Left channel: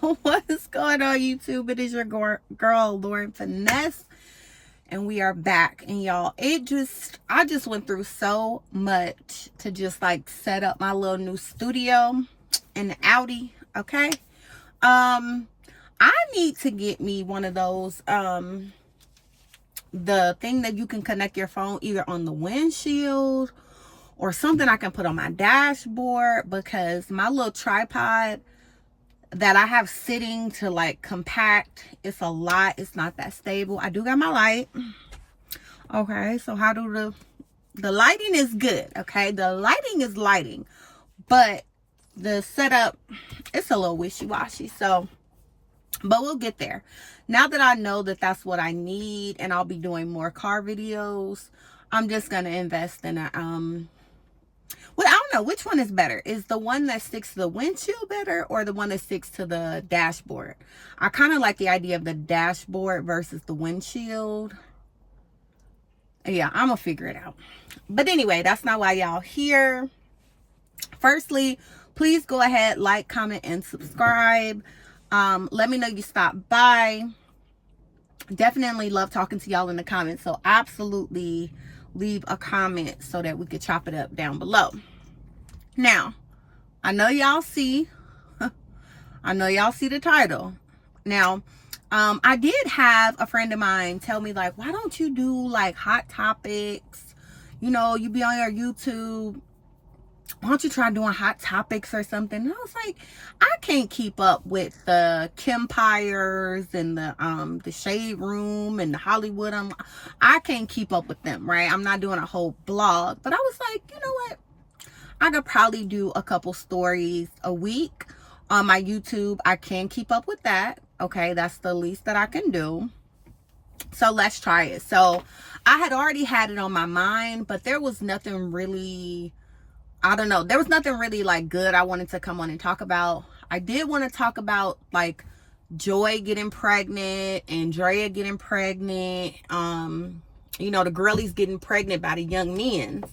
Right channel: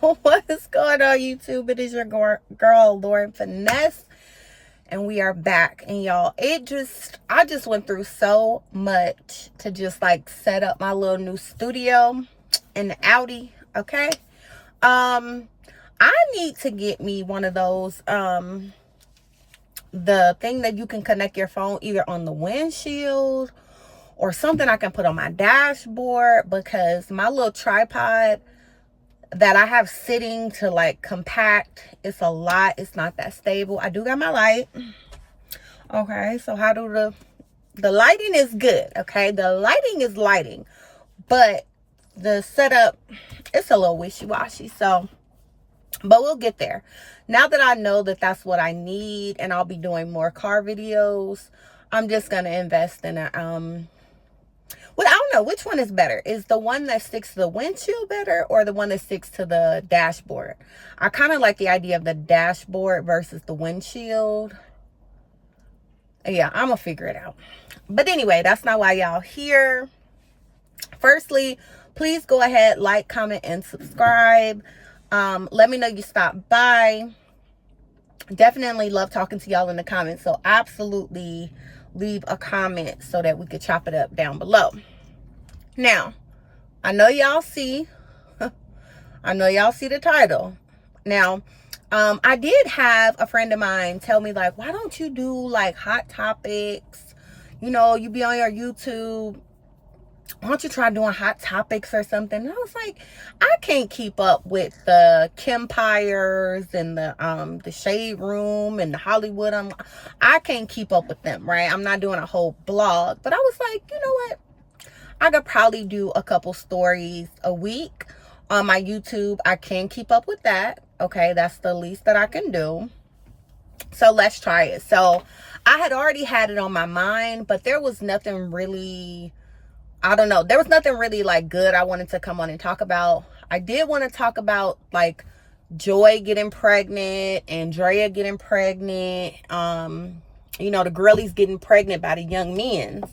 What is going on, YouTube? It is your girl Lauren Finesse, and we are back. And y'all, I just went through so much to just like set up my little new studio in the Audi. Okay, I need to get me one of those the thing that you can connect your phone either on the windshield or something I can put on my dashboard, because my little tripod that I have sitting to like compact, it's a lot. It's not that stable. I do got my light. Okay, so how do the lighting is good. Okay, the lighting is lighting, but the setup, it's a little wishy-washy. So, but we'll get there. Now that I know that that's what I need, and I'll be doing more car videos, I'm just gonna invest in a well, I don't know which one is better. Is the one that sticks to the windshield better, or the one that sticks to the dashboard? I kind of like the idea of the dashboard versus the windshield. Yeah, I'm gonna figure it out. But anyway, that's not why y'all here. Firstly, please go ahead, like, comment, and subscribe. Let me know you stopped by. Definitely love talking to y'all in the comments, so absolutely leave a comment so that we could chop it up down below. Now, I know y'all see the title. Now, I did have a friend of mine tell me, like, why don't you do like hot topics? You know, you be on your YouTube, why don't you try doing hot topics or something? And I was like, I can't keep up with the Kempires and the Shade Room and the Hollywood. I can't keep up with them, right? I'm not doing a whole blog. But I was like, you know what? I could probably do a couple stories a week on my YouTube. I can keep up with that. Okay, that's the least that I can do. So let's try it. So I had already had it on my mind, but there was nothing really, I don't know. There was nothing really like good I wanted to come on and talk about. I did want to talk about like Joy getting pregnant, Andrea getting pregnant, you know, the girlies getting pregnant by the young men.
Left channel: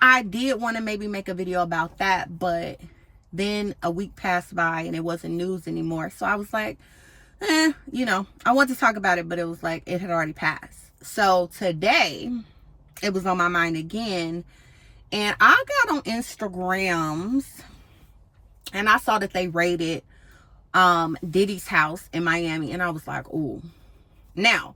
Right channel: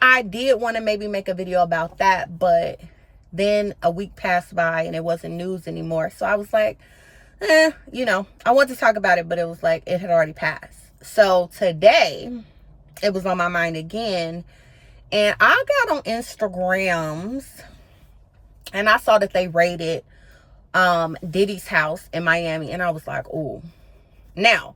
I did want to maybe make a video about that, but then a week passed by and it wasn't news anymore. So I was like, you know, I wanted to talk about it, but it was like it had already passed. So today it was on my mind again. And I got on Instagrams and I saw that they raided Diddy's house in Miami. And I was like, ooh. Now,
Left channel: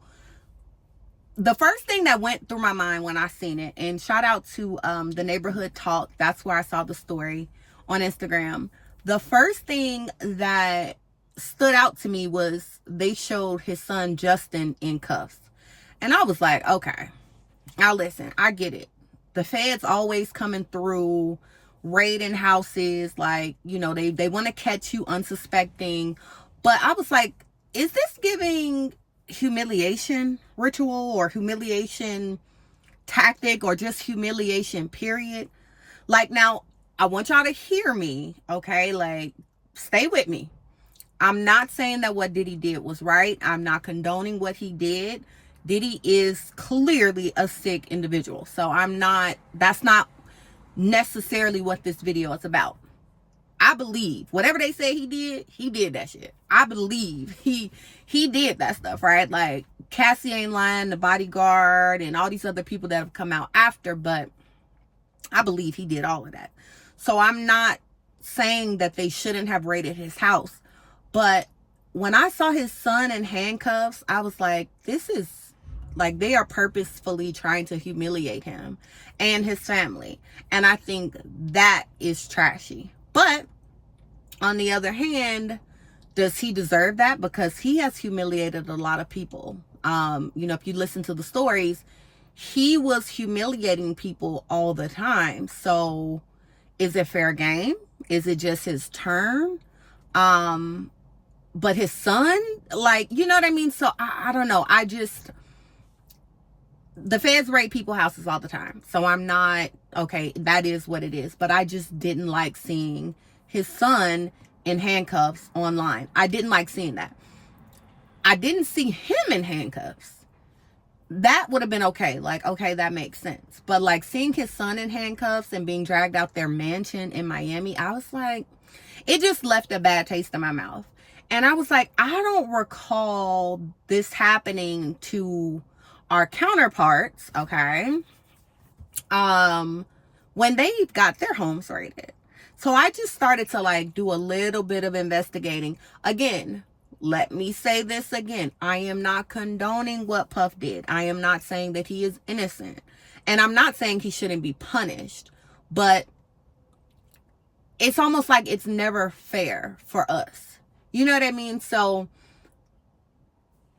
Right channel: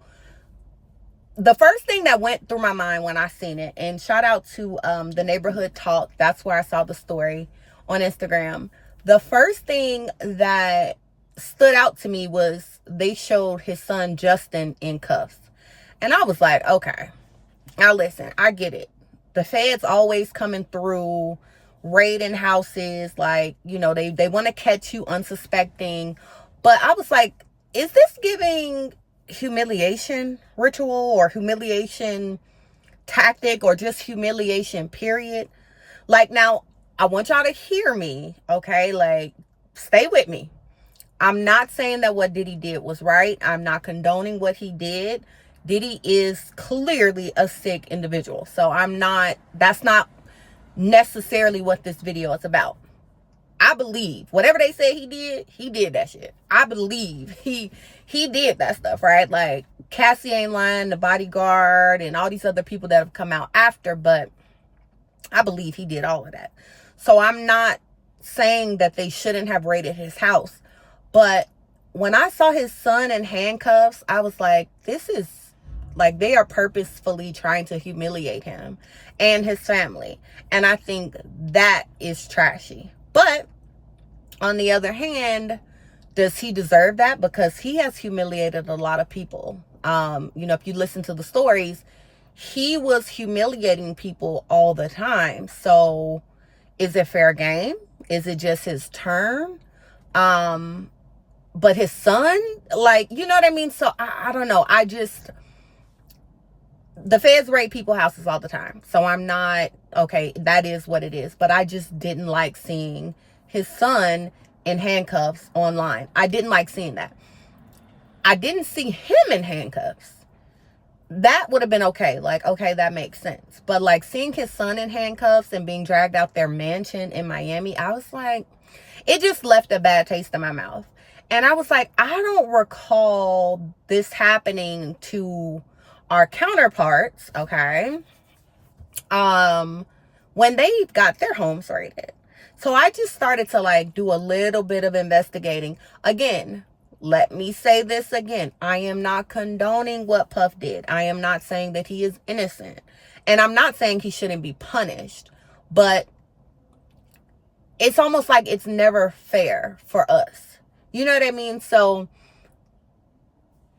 the first thing that went through my mind when I seen it, and shout out to the Neighborhood Talk, that's where I saw the story on Instagram. The first thing that stood out to me was they showed his son Justin in cuffs. And I was like, okay, now listen, I get it. The feds always coming through, raiding houses, like, you know, they want to catch you unsuspecting. But I was like, is this giving humiliation ritual or humiliation tactic or just humiliation period? Like, now, I want y'all to hear me, okay? Like, stay with me. I'm not saying that what Diddy did was right. I'm not condoning what he did. Diddy is clearly a sick individual. So that's not necessarily what this video is about. I believe whatever they say he did that shit. I believe he did that stuff, right? Like, Cassie ain't lying, the bodyguard, and all these other people that have come out after, but I believe he did all of that. So I'm not saying that they shouldn't have raided his house. But when I saw his son in handcuffs, I was like, this is like, they are purposefully trying to humiliate him and his family. And I think that is trashy. But on the other hand, does he deserve that? Because he has humiliated a lot of people. You know, if you listen to the stories, he was humiliating people all the time. So is it fair game? Is it just his turn? But his son, like, you know what I mean? So I don't know. The feds raid people's houses all the time. So I'm not, okay, that is what it is. But I just didn't like seeing his son in handcuffs online. I didn't like seeing that. I didn't see him in handcuffs. That would have been okay. Like, okay, that makes sense. But like seeing his son in handcuffs and being dragged out their mansion in Miami, I was like, it just left a bad taste in my mouth. And I was like, I don't recall this happening to our counterparts, okay, when they got their homes raided. So I just started to like do a little bit of investigating. Again, let me say this again. I am not condoning what Puff did. I am not saying that he is innocent. And I'm not saying he shouldn't be punished. But it's almost like it's never fair for us. You know what I mean? So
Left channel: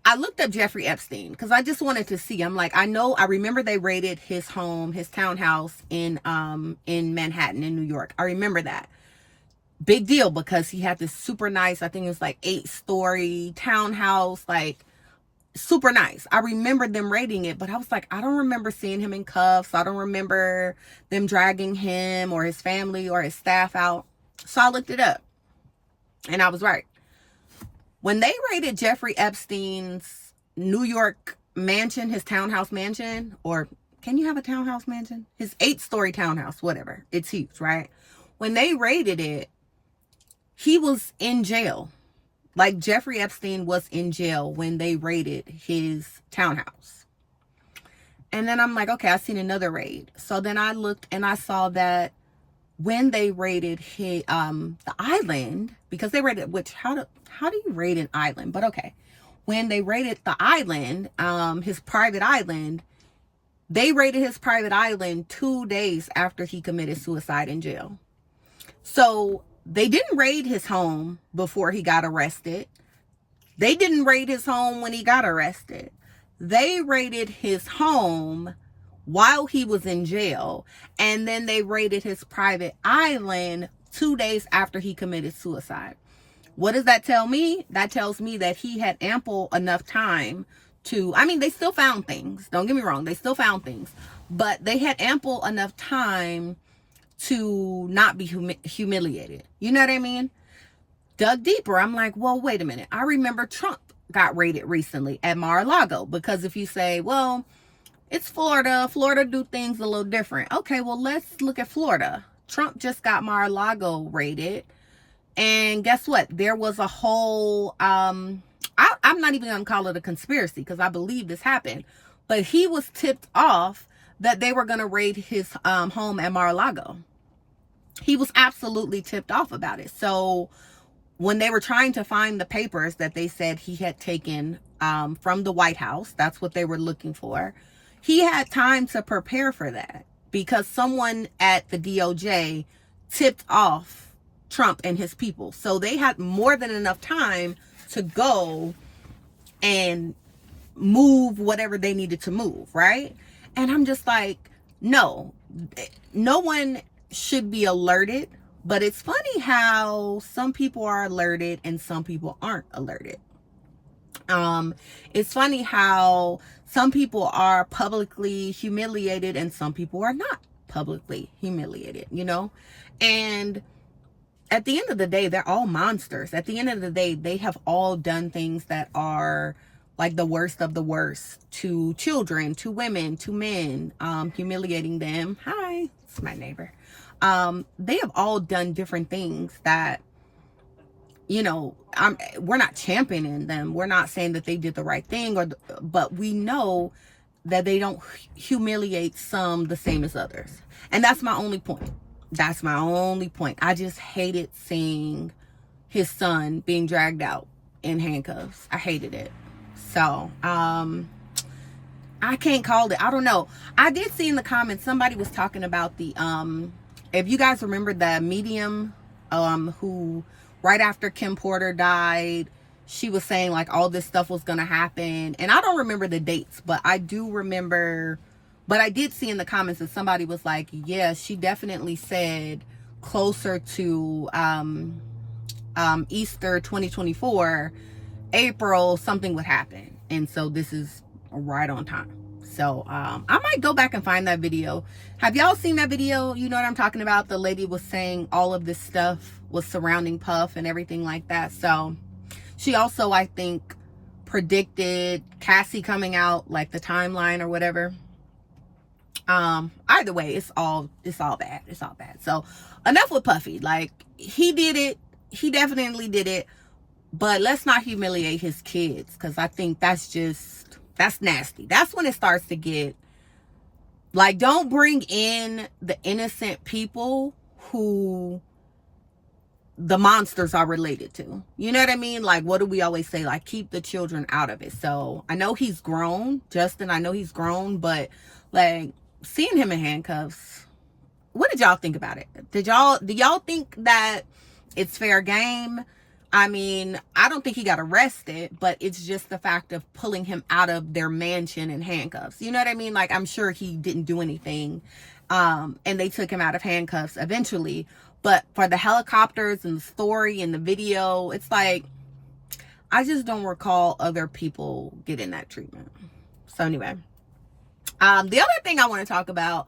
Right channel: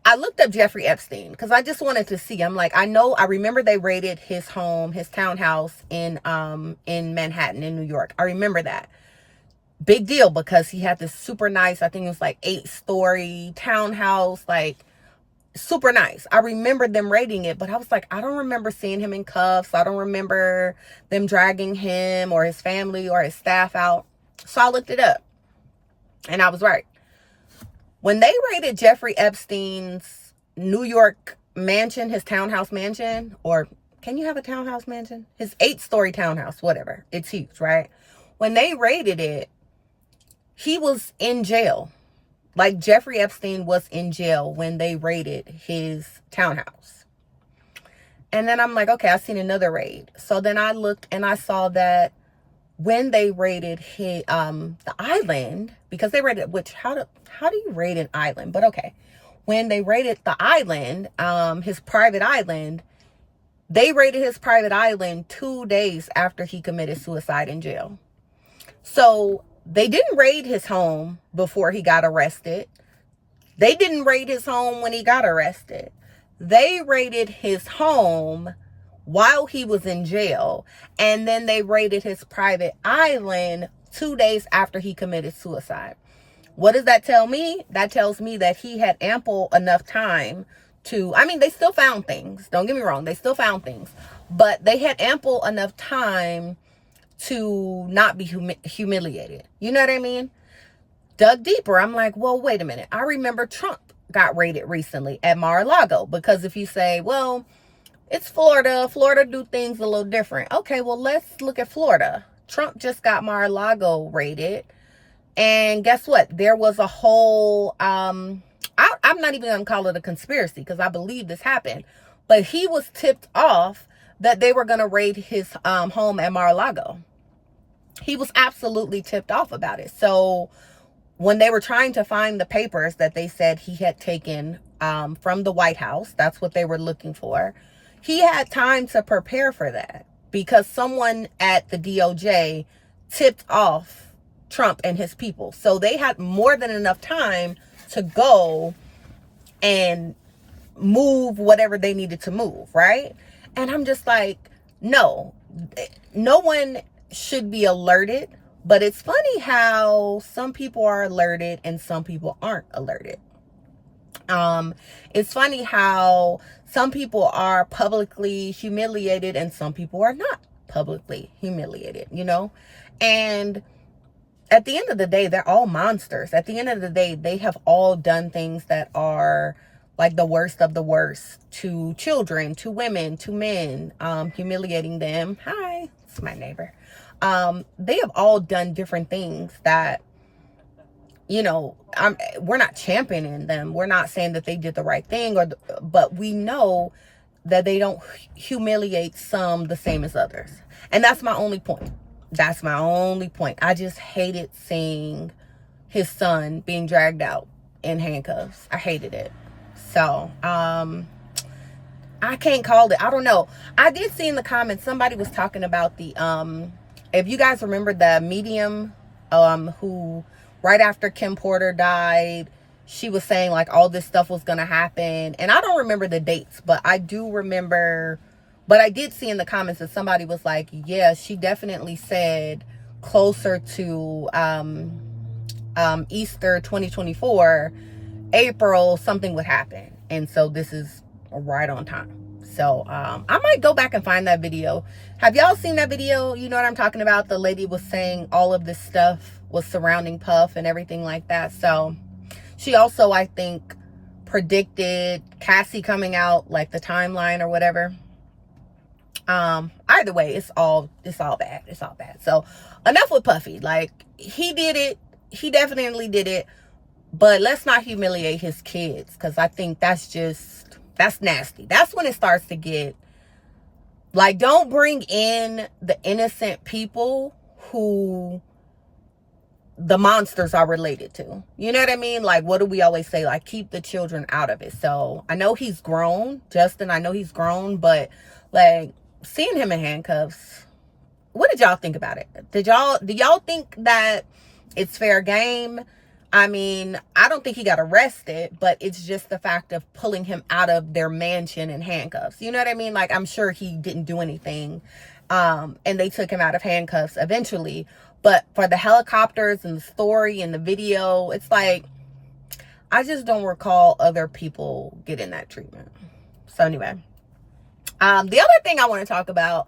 I looked up Jeffrey Epstein because I just wanted to see. I'm like, I remember they raided his home, his townhouse in Manhattan in New York. I remember that. Big deal because he had this super nice, I think it was like 8-story townhouse, like super nice. I remember them raiding it, but I was like, I don't remember seeing him in cuffs. I don't remember them dragging him or his family or his staff out. So I looked it up and I was right. When they raided Jeffrey Epstein's New York mansion, his townhouse mansion, or can you have a townhouse mansion? His 8-story townhouse, whatever. It's huge, right? When they raided it, he was in jail. Like Jeffrey Epstein was in jail when they raided his townhouse. And then I'm like, okay, I seen another raid. So then I looked and I saw that when they raided his, the island, because they raided, which how do you raid an island? But okay, when they raided the island, his private island, they raided his private island 2 days after he committed suicide in jail. So they didn't raid his home before he got arrested. They didn't raid his home when he got arrested. They raided his home while he was in jail. And then they raided his private island 2 days after he committed suicide. What does that tell me? That tells me that he had ample enough time to, I mean, they still found things. Don't get me wrong. They still found things. But they had ample enough time to not be humiliated. You know what I mean? Dug deeper. I'm like, well, wait a minute. I remember Trump got raided recently at Mar-a-Lago. Because if you say, well, it's Florida. Florida do things a little different. Okay, well, let's look at Florida. Trump just got Mar-a-Lago raided. And guess what? There was a whole, I'm not even going to call it a conspiracy because I believe this happened. But he was tipped off that they were going to raid his home at Mar-a-Lago. He was absolutely tipped off about it. So when they were trying to find the papers that they said he had taken from the White House, that's what they were looking for. He had time to prepare for that because someone at the DOJ tipped off Trump and his people. So they had more than enough time to go and move whatever they needed to move, right? And I'm just like, no one should be alerted. But it's funny how some people are alerted and some people aren't alerted. It's funny how some people are publicly humiliated and some people are not publicly humiliated, you know? And at the end of the day, they're all monsters. At the end of the day, they have all done things that are like the worst of the worst to children, to women, to men, humiliating them. Hi, it's my neighbor. They have all done different things that, you know, we're not championing them. We're not saying that they did the right thing, but we know that they don't humiliate some the same as others. And that's my only point. That's my only point. I just hated seeing his son being dragged out in handcuffs. I hated it. So, I can't call it. I don't know. I did see in the comments, somebody was talking about the, if you guys remember the medium, who right after Kim Porter died, she was saying like all this stuff was going to happen. And I don't remember the dates, but I do remember, but I did see in the comments that somebody was like, yeah, she definitely said closer to, Easter 2024, April, something would happen. And so this is right on time. So I might go back and find that video. Have y'all seen that video? You know what I'm talking about? The lady was saying all of this stuff was surrounding Puff and everything like that. So she also, I think, predicted Cassie coming out, like the timeline or whatever. Either way, it's all bad. It's all bad. So enough with Puffy. Like, he did it. He definitely did it. But let's not humiliate his kids, because I think that's nasty. That's when it starts to get, like, don't bring in the innocent people who the monsters are related to. You know what I mean? Like, what do we always say? Like, keep the children out of it. So I know he's grown, Justin. I know he's grown, but like, seeing him in handcuffs, what did y'all think about it? Do y'all think that it's fair game? I mean, I don't think he got arrested, but it's just the fact of pulling him out of their mansion in handcuffs. You know what I mean? Like, I'm sure he didn't do anything. And they took him out of handcuffs eventually. But for the helicopters and the story and the video, it's like, I just don't recall other people getting that treatment. So anyway, the other thing I want to talk about,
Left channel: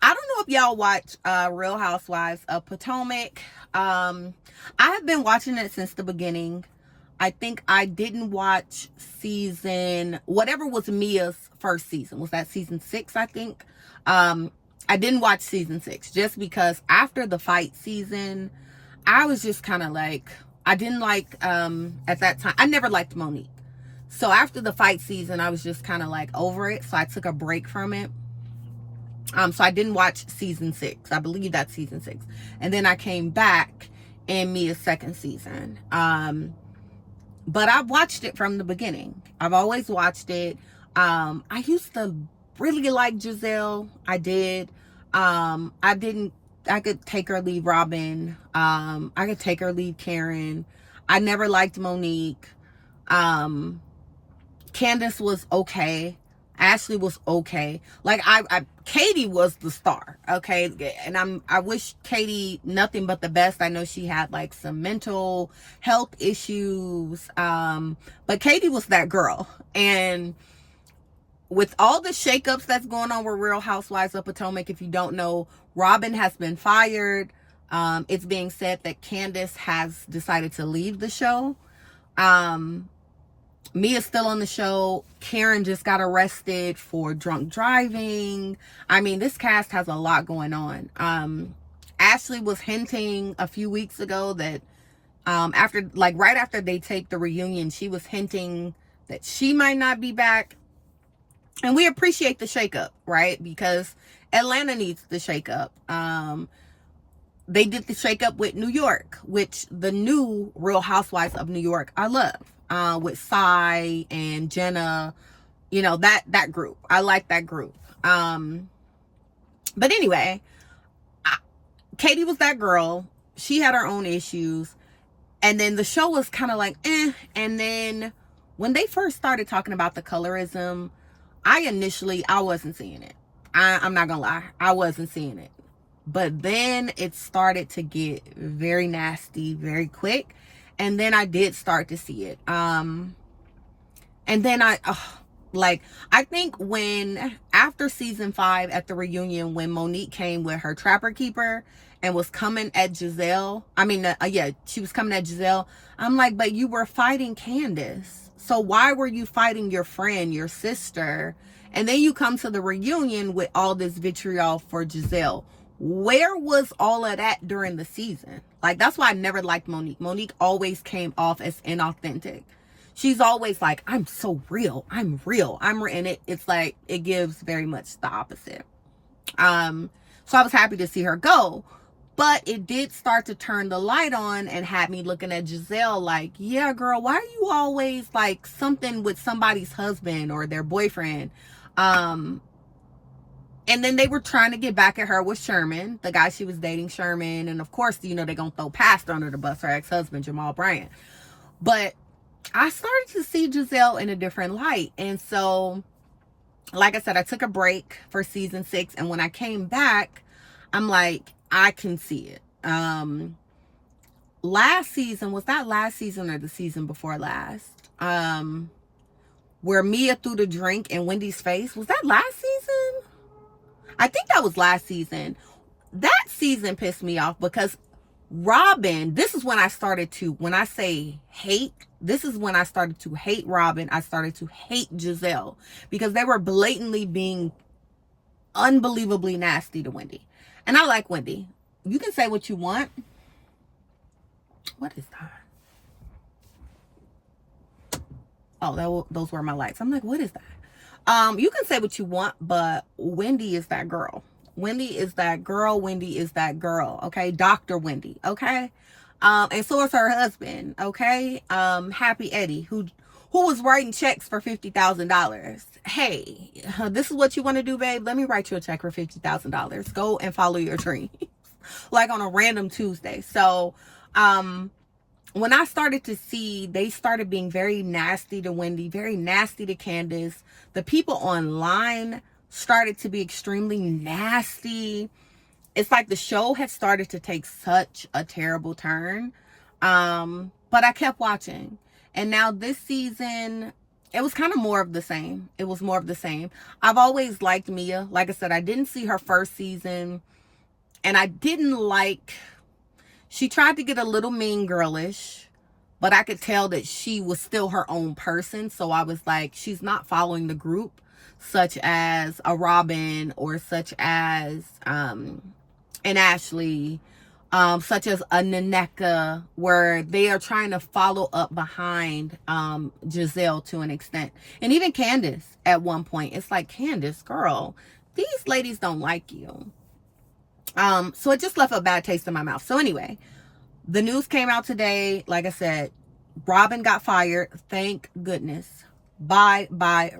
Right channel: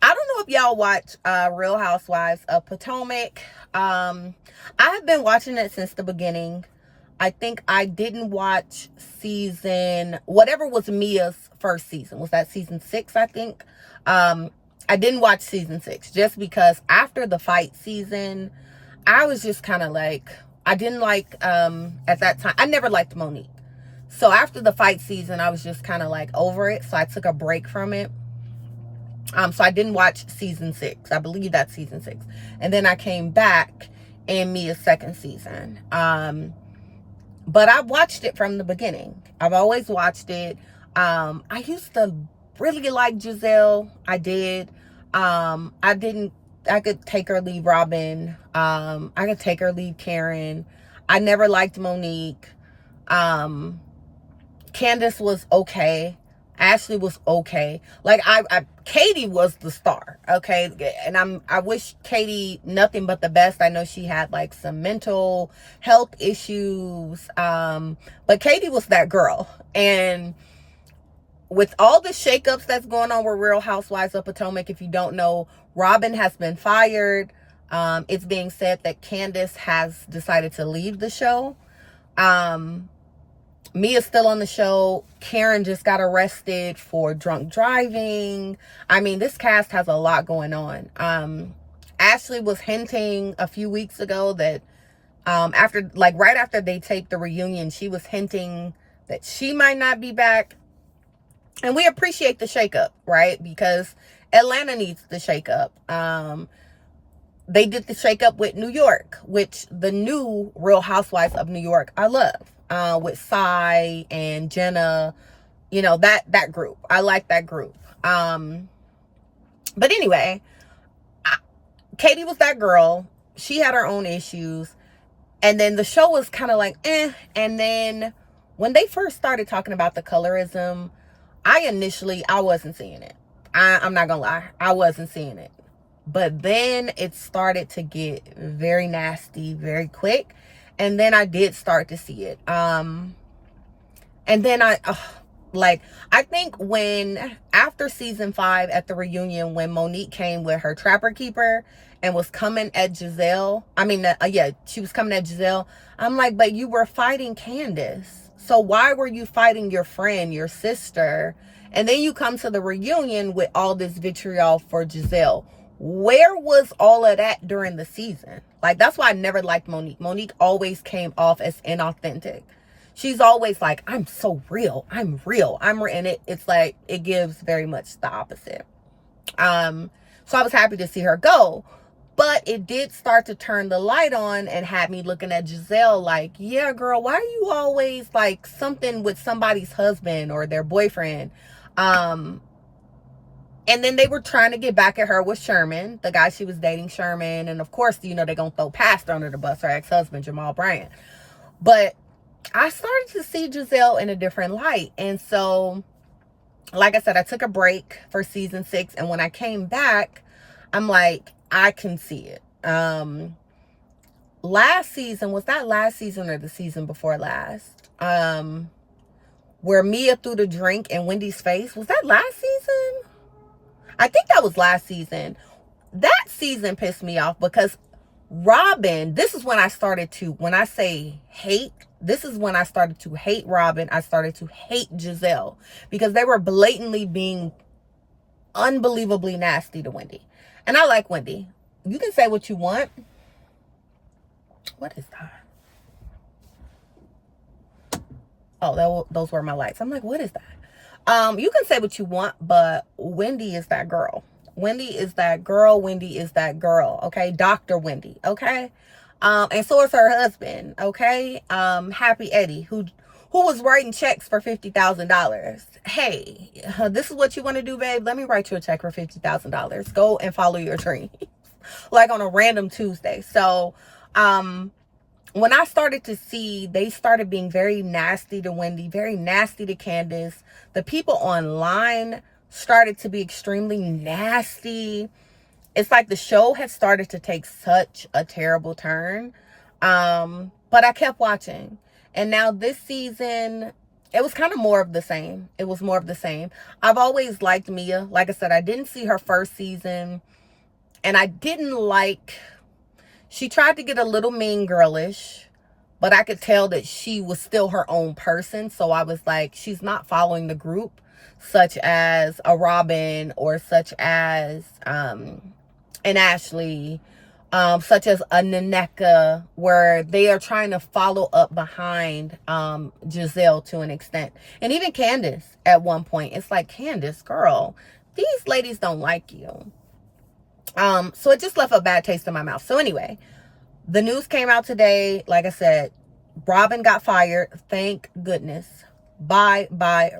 I don't know if y'all watch Real Housewives of Potomac. I have been watching it since the beginning. I think I didn't watch whatever was Mia's first season. Was that season 6, I think? I didn't watch season 6 just because after the fight season, I was just kind of like, I didn't like, at that time, I never liked Monique. So after the fight season, I was just kind of like over it. So I took a break from it. So I didn't watch season 6. I believe that's season 6. And then I came back in Mia's second season. But I watched it from the beginning. I've always watched it. I used to really like Giselle. I did. I could take or leave Robin. I could take or leave Karen. I never liked Monique. Candace was okay. Ashley was okay. Like, Katie was the star, okay? And I wish Katie nothing but the best. I know she had like some mental health issues. But Katie was that girl. And with all the shakeups that's going on with Real Housewives of Potomac, if you don't know, Robin has been fired. It's being said that Candace has decided to leave the show. Mia's still on the show. Karen just got arrested for drunk driving. I mean, this cast has a lot going on. Ashley was hinting a few weeks ago that right after they taped the reunion, she was hinting that she might not be back. And we appreciate the shakeup, right? Because Atlanta needs the shakeup. They did the shakeup with New York, which the new Real Housewives of New York I love. With Sai and Jenna, you know, that group. I like that group. But anyway, Katie was that girl. She had her own issues. And then the show was kind of like, eh. And then when they first started talking about the colorism, I wasn't seeing it. I'm not gonna lie. I wasn't seeing it. But then it started to get very nasty very quick. And then I did start to see it. And then I think after season 5 at the reunion, when Monique came with her trapper keeper and was coming at Giselle. She was coming at Giselle. I'm like, but you were fighting Candace. So why were you fighting your friend, your sister? And then you come to the reunion with all this vitriol for Giselle. Where was all of that during the season? Like, that's why I never liked Monique. Monique always came off as inauthentic. She's always like, I'm so real. I'm real. And it's like, it gives very much the opposite. So I was happy to see her go. But it did start to turn the light on and had me looking at Giselle like, yeah, girl, why are you always like something with somebody's husband or their boyfriend? And then they were trying to get back at her with Sherman, the guy she was dating, Sherman. And of course, you know, they're going to throw Pastor under the bus, her ex-husband, Jamal Bryant. But I started to see Giselle in a different light. And so, like I said, I took a break for season 6. And when I came back, I'm like, I can see it. Last season, was that last season or the season before last? Where Mia threw the drink in Wendy's face. Was that last season? I think that was last season. That season pissed me off because Robin, this is when I started to, when I say hate, this is when I started to hate Robin. I started to hate Giselle because they were blatantly being unbelievably nasty to Wendy. And I like Wendy. You can say what you want. What is that? Oh, those were my lights. I'm like, what is that? You can say what you want, but Wendy is that girl. Wendy is that girl. Wendy is that girl. Okay. Dr. Wendy. Okay. And so is her husband. Okay. Happy Eddie, who was writing checks for $50,000. Hey, this is what you want to do, babe. Let me write you a check for $50,000. Go and follow your dream. Like on a random Tuesday. So, when I started to see, they started being very nasty to Wendy, very nasty to Candace. The people online started to be extremely nasty. It's like the show had started to take such a terrible turn. But I kept watching. And now this season, it was kind of more of the same. It was more of the same. I've always liked Mia. Like I said, I didn't see her first season. And I didn't like... She tried to get a little mean girlish, but I could tell that she was still her own person. So I was like, she's not following the group, such as a Robin or such as an Ashley, such as a Naneka, where they are trying to follow up behind Giselle to an extent. And even Candace at one point. It's like, Candace, girl, these ladies don't like you. So it just left a bad taste in my mouth. So anyway, the news came out today. Like I said, Robin got fired. Thank goodness. Bye,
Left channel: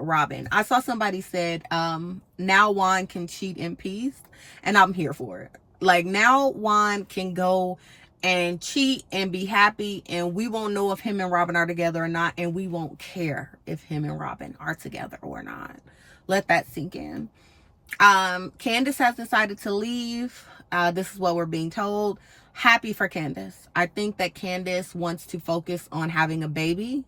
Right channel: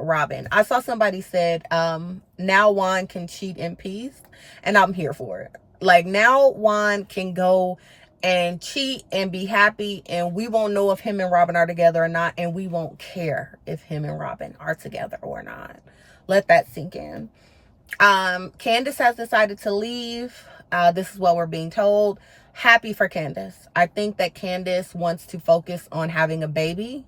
Robin. I saw somebody said, now Juan can cheat in peace. And I'm here for it. Like, now Juan can go and cheat and be happy. And we won't know if him and Robin are together or not. And we won't care if him and Robin are together or not. Let that sink in. Candace has decided to leave. This is what we're being told. Happy for Candace. I think that Candace wants to focus on having a baby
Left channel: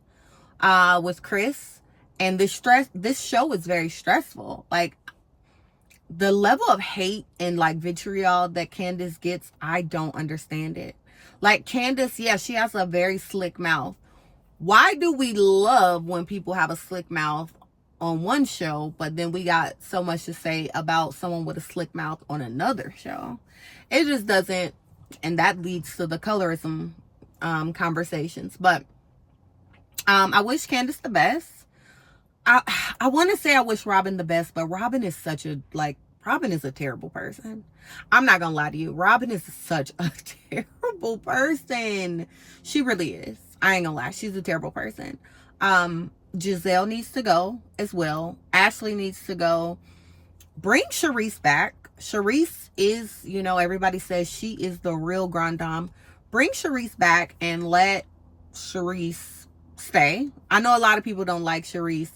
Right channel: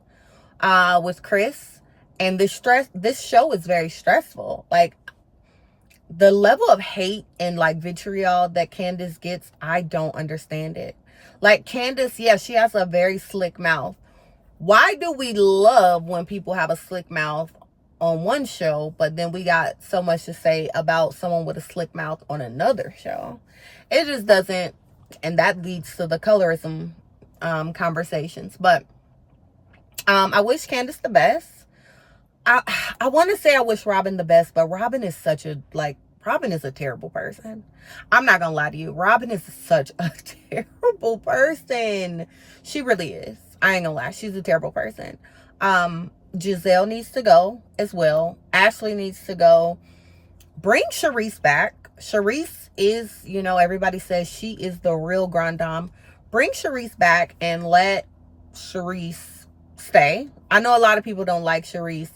with Chris. And this show is very stressful. Like, the level of hate and like vitriol that Candace gets, I don't understand it. Like, Candace, yeah, she has a very slick mouth. Why do we love when people have a slick mouth on one show, but then we got so much to say about someone with a slick mouth on another show? It just doesn't, and that leads to the colorism conversations. But I wish Candace the best. I want to say I wish Robin the best, but Robin is Robin is a terrible person. I'm not gonna lie to you. Robin is such a terrible person. She really is. I ain't gonna lie. She's a terrible person. Giselle needs to go as well. Ashley needs to go. Bring Charisse back. Charisse is, everybody says she is the real grand dame. Bring Charisse back and let Charisse stay. I know a lot of people don't like Charisse.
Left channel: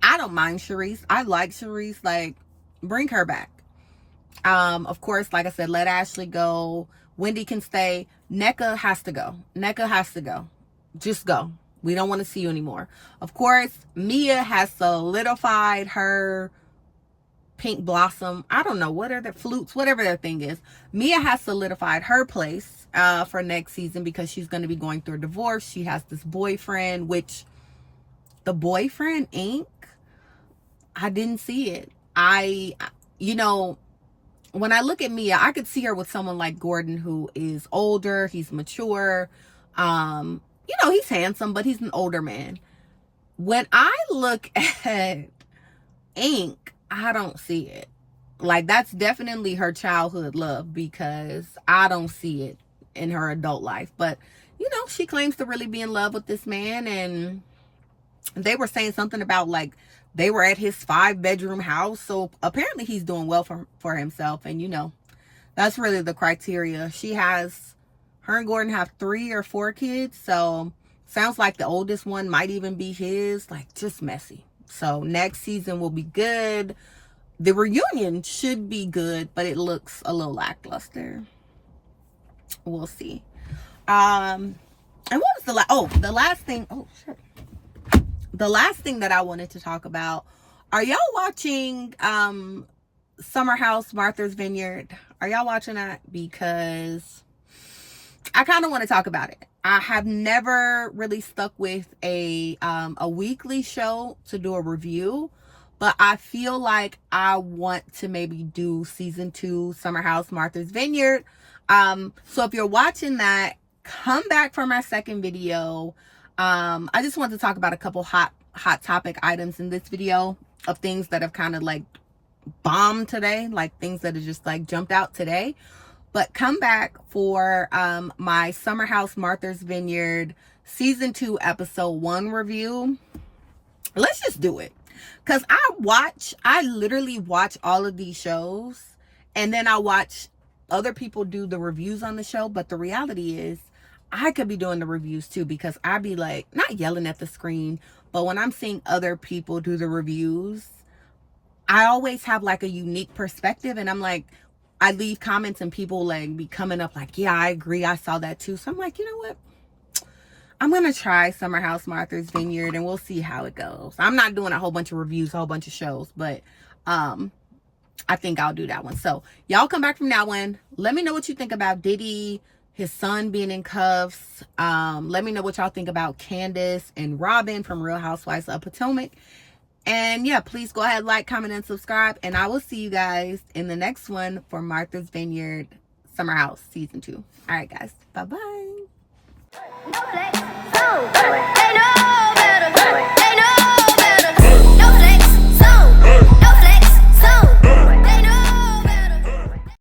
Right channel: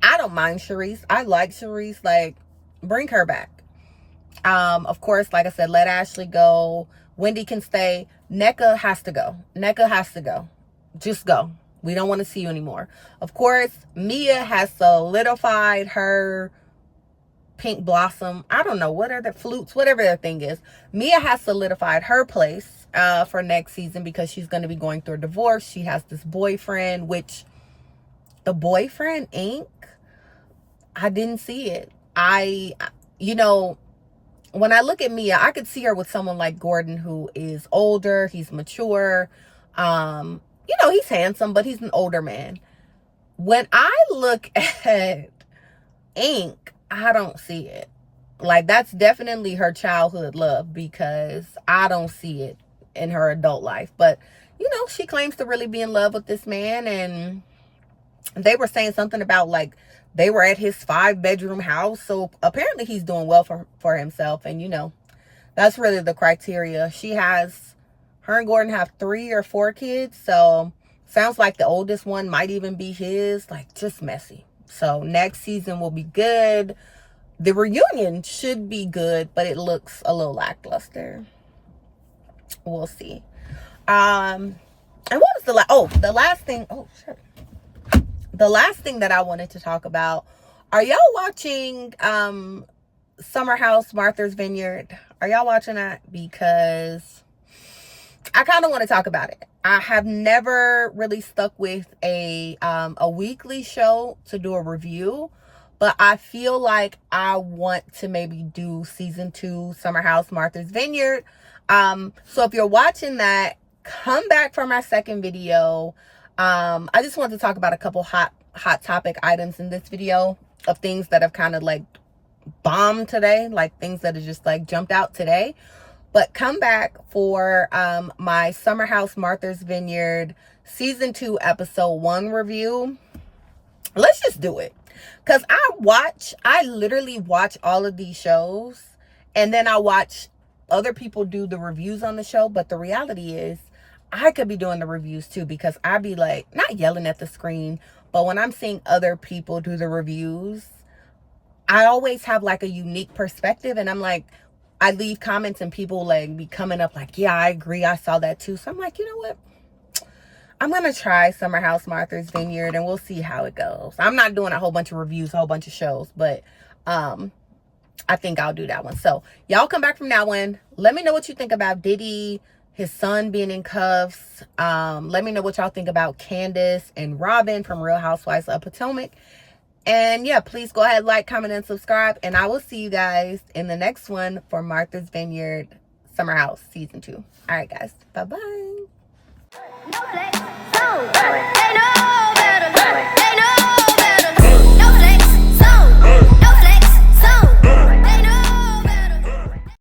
I don't mind Charisse. I like Charisse. Like, bring her back. Of course, like I said, let Ashley go. Wendy can stay. Nneka has to go. Nneka has to go. Just go. We don't want to see you anymore. Of course, Mia has solidified her pink blossom. I don't know. What are the flutes? Whatever that thing is. Mia has solidified her place for next season because she's going to be going through a divorce. She has this boyfriend, which the boyfriend ink, I didn't see it. When I look at Mia, I could see her with someone like Gordon, who is older. He's mature. He's handsome, but he's an older man. When I look at Ink, I don't see it. Like, that's definitely her childhood love, because I don't see it in her adult life. But, she claims to really be in love with this man. And they were saying something about, like, they were at his 5-bedroom house. So apparently he's doing well for himself. And, that's really the criteria. Her and Gordon have 3 or 4 kids. So sounds like the oldest one might even be his. Like, just messy. So next season will be good. The reunion should be good, but it looks a little lackluster. We'll see. And what was the last thing? Oh, sure. The last thing that I wanted to talk about. Are y'all watching Summer House Martha's Vineyard? Are y'all watching that? Because I kind of want to talk about it. I have never really stuck with a weekly show to do a review, but I feel like I want to maybe do season 2 Summer House Martha's Vineyard. So if you're watching that, come back for my second video. I just wanted to talk about a couple hot topic items in this video of things that have kind of like bombed today, like things that have just like jumped out today. But come back for my Summer House Martha's Vineyard season 2 episode 1 review. Let's just do it, because I literally watch all of these shows, and then I watch other people do the reviews on the show. But the reality is I could be doing the reviews too, because I be like, not yelling at the screen, but when I'm seeing other people do the reviews, I always have like a unique perspective. And I'm like, I leave comments and people like be coming up like, yeah, I agree, I saw that too. So I'm like, you know what, I'm gonna try Summer House Martha's Vineyard and we'll see how it goes. I'm not doing a whole bunch of reviews, a whole bunch of shows, but I think I'll do that one. So y'all come back from that one. Let me know what you think about Diddy, his son being in cuffs. Let me know what y'all think about Candace and Robin from Real Housewives of Potomac. And yeah, please go ahead, like, comment, and subscribe. And I will see you guys in the next one for Martha's Vineyard Summer House season 2. All right, guys. Bye-bye.